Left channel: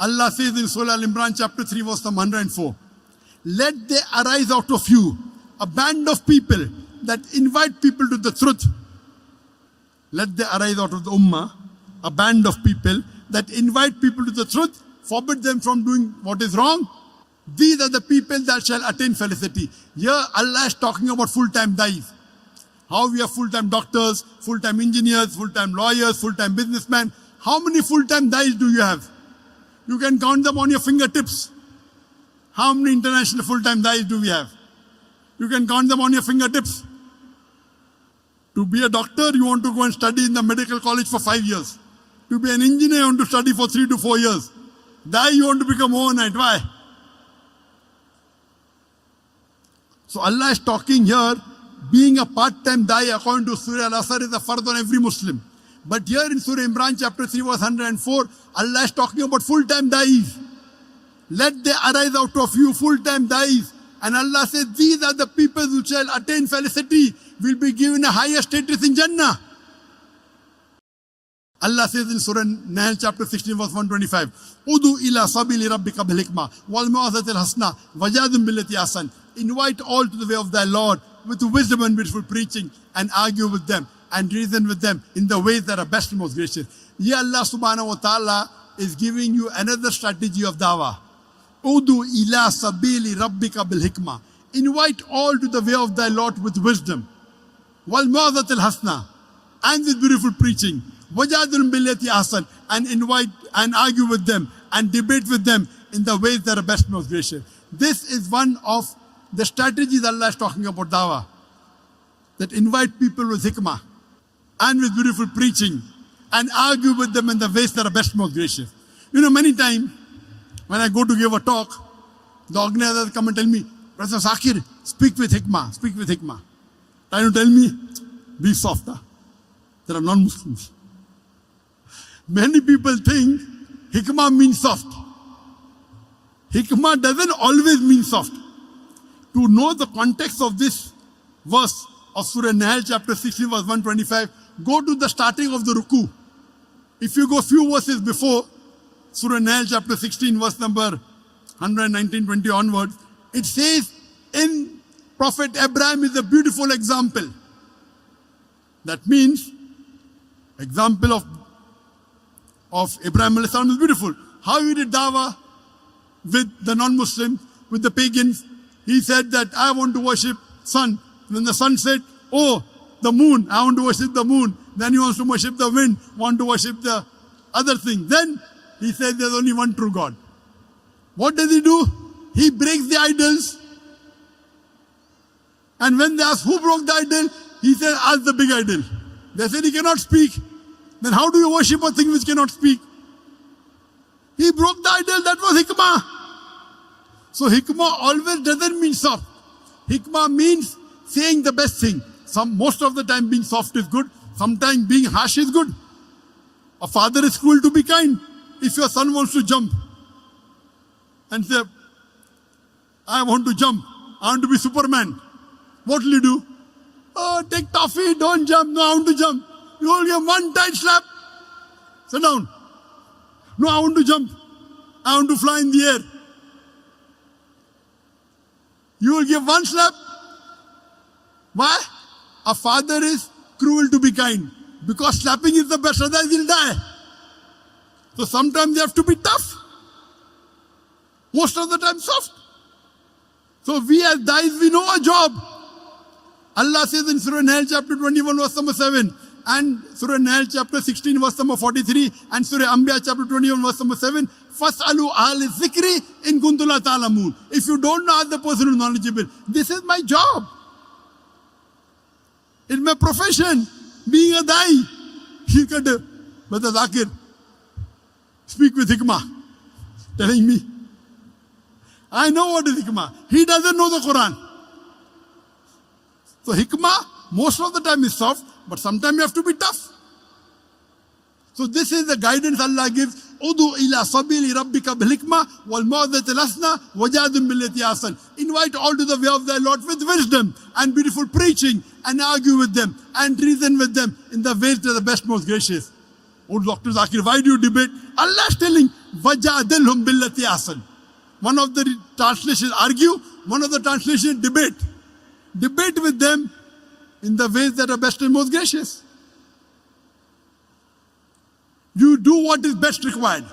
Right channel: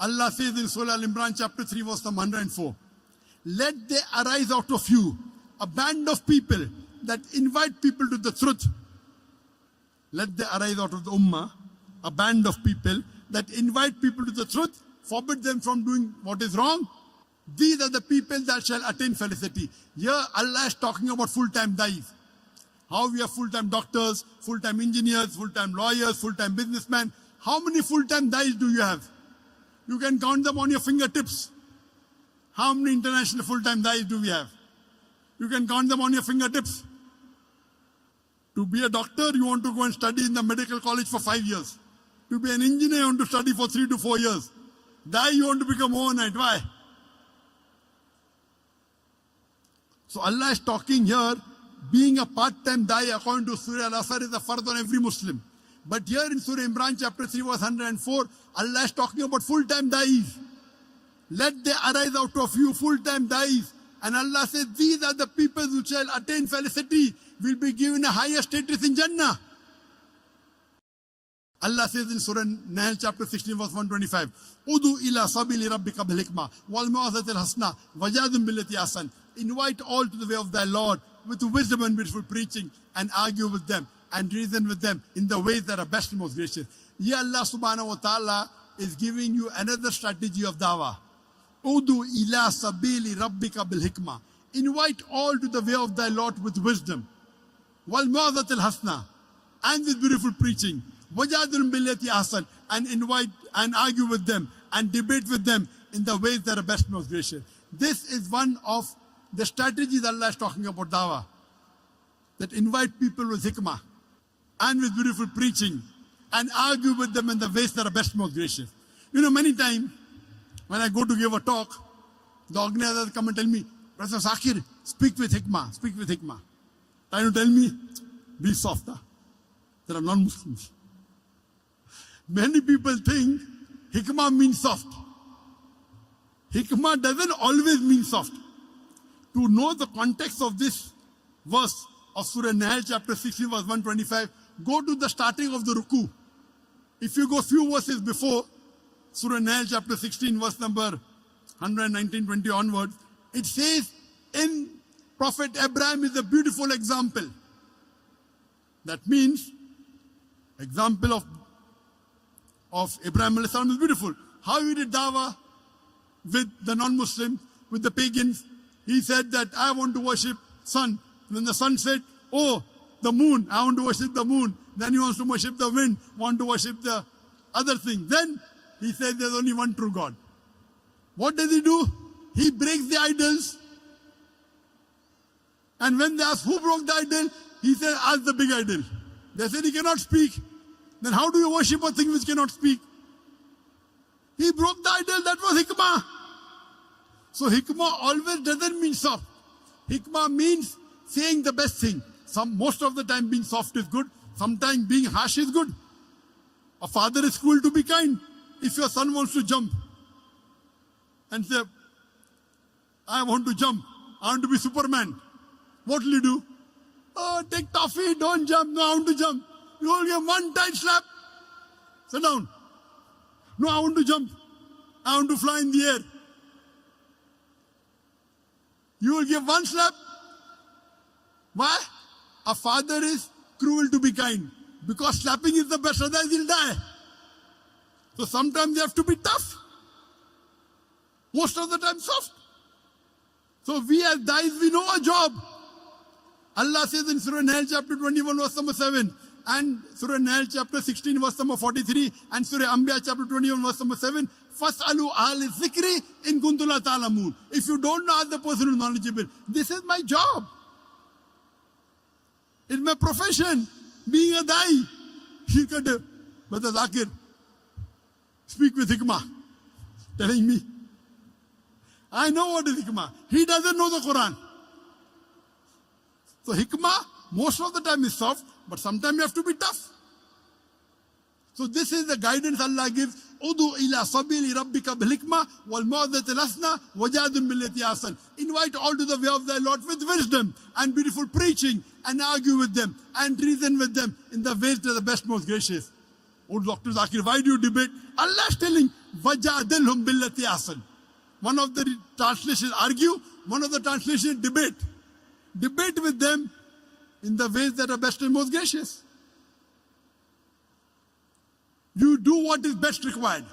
Allah says in Surah Al-Imran chapter 3 verse number 104, let there arise out of you a band of people that invite people to the truth. Let there arise out of the ummah a band of people that invite people to the truth, forbid them from doing what is wrong. These are the people that shall attain felicity. Here Allah is talking about full-time dais. How we have full-time doctors, full-time engineers, full-time lawyers, full-time businessmen. How many full-time dais do you have? You can count them on your fingertips. How many international full-time dais do we have? You can count them on your fingertips. To be a doctor, you want to go and study in the medical college for 5 years. To be an engineer, you want to study for 3 to 4 years. Dai, you want to become overnight. Why? So Allah is talking here, being a part-time dai according to Surah Al-Asr is a fard on every Muslim. But here in Surah Imran chapter 3 verse 104, Allah is talking about full-time dais. Let there arise out of you full-time dais. And Allah says, these are the people who shall attain felicity, will be given a higher status in Jannah. Allah says in Surah Naik chapter 16 verse 125, Udu ila sabili rabbika bil hikmah wal mau'izatil hasana wajadil billati ahsan. Invite all to the way of thy Lord with wisdom and beautiful preaching, and argue with them and reason with them in the ways that are best and most gracious. Here Allah subhanahu wa ta'ala is giving you another strategy of dawah. Udu ila sabili rabbika bil hikmah. Invite all to the way of thy Lord with wisdom. Wal mau'izatil hasana, and with beautiful preaching. Wajadil billati ahsan, and invite and argue with them and debate with them in the ways that are best and most gracious. This is one of the strategies Allah is talking about dawah. That invite people with hikmah and with beautiful preaching and argue with them in the ways that are best and most gracious. You know, many times when I go to give a talk, the organizers come and tell me, Professor Zakir, speak with hikmah, speak with hikmah. Trying to tell me, be softer. There are non-Muslims. Many people think hikmah means soft. Hikmah doesn't always mean soft. To know the context of this verse of Surah Nahl chapter 16 verse 125, go to the starting of the ruku. If you go few verses before, Surah Nahl chapter 16 verse number 119-20 onwards, it says, in Prophet Abraham is a beautiful example. That means, example of Abraham alayhi salam is beautiful. How he did dawah with the non-Muslims, with the pagans. He said that I want to worship sun. Then the sun said, oh, the moon, I want to worship the moon. Then he wants to worship the wind, want to worship the other thing. Then he said there's only one true God. What does he do? He breaks the idols. And when they ask who broke the idol, he said, ask the big idol. They said he cannot speak. Then how do you worship a thing which cannot speak? He broke the idol, that was hikmah. So hikmah always doesn't mean soft. Hikmah means saying the best thing. Most of the time being soft is good. Sometimes being harsh is good. A father is cruel to be kind. If your son wants to jump and say, I want to jump, I want to be Superman, what will you do? Oh, take toffee, don't jump. No, I want to jump. You will give one tight slap. Sit down. No, I want to jump. I want to fly in the air. You will give one slap. Why? A father is cruel to be kind. Because slapping is the best, otherwise he'll die. So sometimes they have to be tough. Most of the time soft. So we as dais, we know our job. Allah says in Surah Nahl chapter 21 verse number 7 and Surah Nahl chapter 16 verse number 43 and Surah Anbiya chapter 21 verse number 7, Fas'alu ahli zikri in kuntum la ta'lamun. If you don't know, ask the person who is knowledgeable. This is my job. It's my profession. Being a dai. He could, Brother Zakir, speak with hikmah. Telling me. I know what is hikmah. He doesn't know the Quran. So hikmah, most of the time is soft, but sometimes you have to be tough. So this is the guidance Allah gives. Udu ila sabili rabbika bil hikmah wal mau'izatil hasana wajadil billati ahsan. Invite all to the way of thy Lord with wisdom and beautiful preaching, and argue with them and reason with them in the ways that are the best, most gracious. Oh, Dr. Zakir, why do you debate? Allah is telling, وَجَادِلْهُمْ بِالَّتِي أَحْسَنُ. One of the translations argue, one of the translations debate. Debate with them in the ways that are best and most gracious. You do what is best required.